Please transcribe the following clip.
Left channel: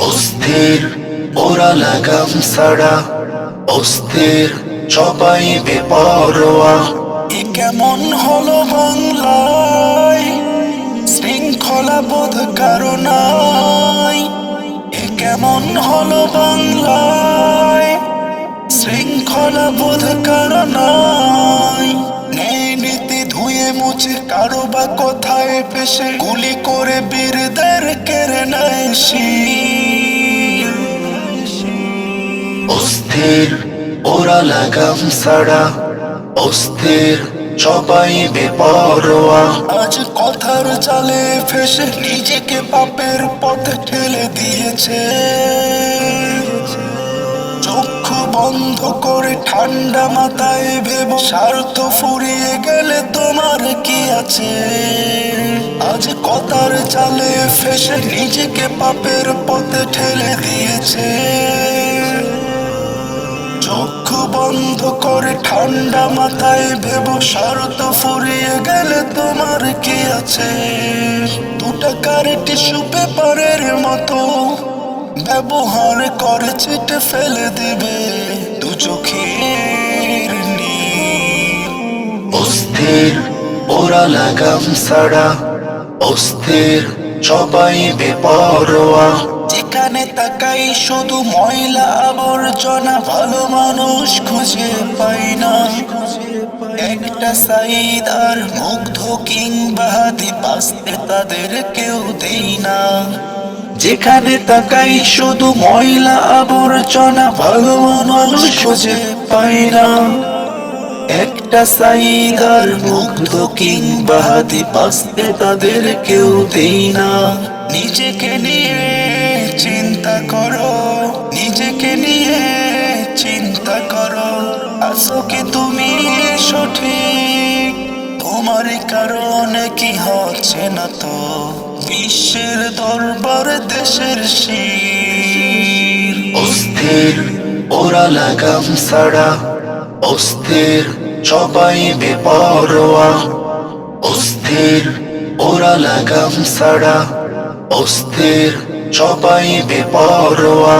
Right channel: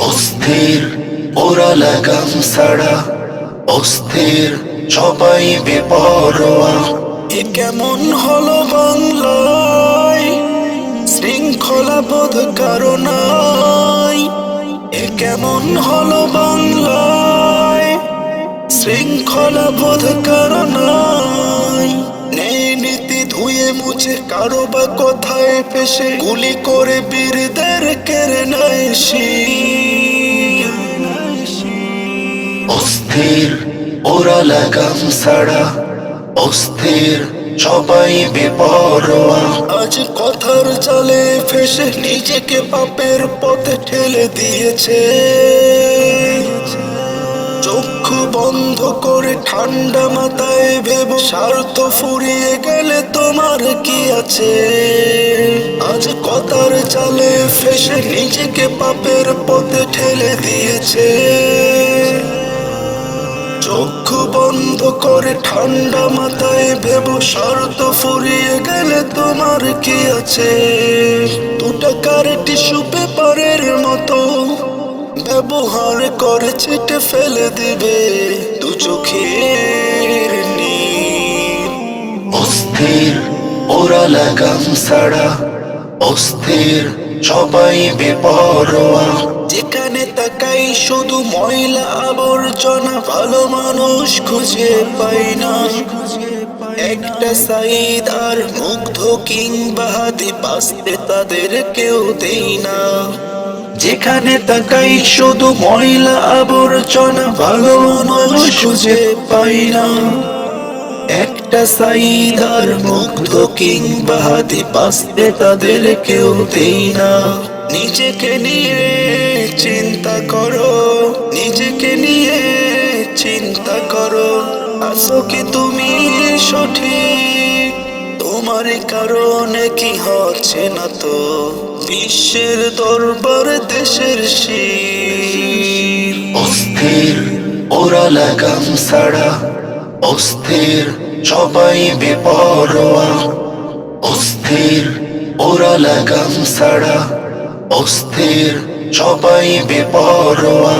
অস্থির ওরা লাগাম ছাড়া, অস্থির সবাই বেপরোয়া। এ কেমন হলো বাংলায়, শৃঙ্খলা বোধ কারো নাই। এ কেমন হলো বাংলায়, শৃঙ্খলা বোধ কারো নাই। ন্যায় নীতি ধুয়ে মুছে কারো বা কথায় ফেসে গুলি করে বীরদের কেড়ে নেয় শির। অস্থির ওরা লাগাম ছাড়া, অস্থির সবাই বেপরোয়া। আজ কথার জালে ফেসে নিজেকে পাপের পথে ঠেলে দিয়েছে। চক্ষু বন্ধ করে ঠান্ডা মাথায় ভেবো, স্বার্থ ফুরিয়ে গেলে তোমার কি আছে। আজ কথার জালে ফেসে নিজেকে পাপের পথে ঠেলে দিয়েছে। চক্ষু বন্ধ করে ঠান্ডা মাথায় ভেবো, স্বার্থ ফুরিয়ে গেলে তোমার কি আছে। 2 টাকার টিস্যু পেপারের মতো ব্যবহার করে ছিটে ফেলে দিবে 2 চোখের নীর। অস্থির ওরা লাগাম ছাড়া, অস্থির সবাই বেপরোয়া। যেখানে তাকাই শুধু ময়লা আবর্জনা, ভালো মানুষ খুঁজে পাই না। একটা সাইদ আর মুগ্ধ কিংবা হাতি বাঁচতে তাদের কেউ দেই না। যেখানে তাকাই শুধু ময়লা আবর্জনা, ভালো মানুষ খুঁজে পাই না। একটা সাইদ আর মুগ্ধ কিংবা হাতি বাঁচতে তাদের কেউ দেই না। নিজেকে নিয়ে চিন্তা করো, নিজেকে নিয়ে চিন্তা করো। আছো কি তুমি সঠিক? তোমার কারণে কি হচ্ছে না তো বিশ্বের দরবার দেশের শির। অস্থির ওরা লাগাম ছাড়া, অস্থির সবাই বেপরোয়া। অস্থির ওরা লাগাম ছাড়া, অস্থির সবাই বেপরোয়া।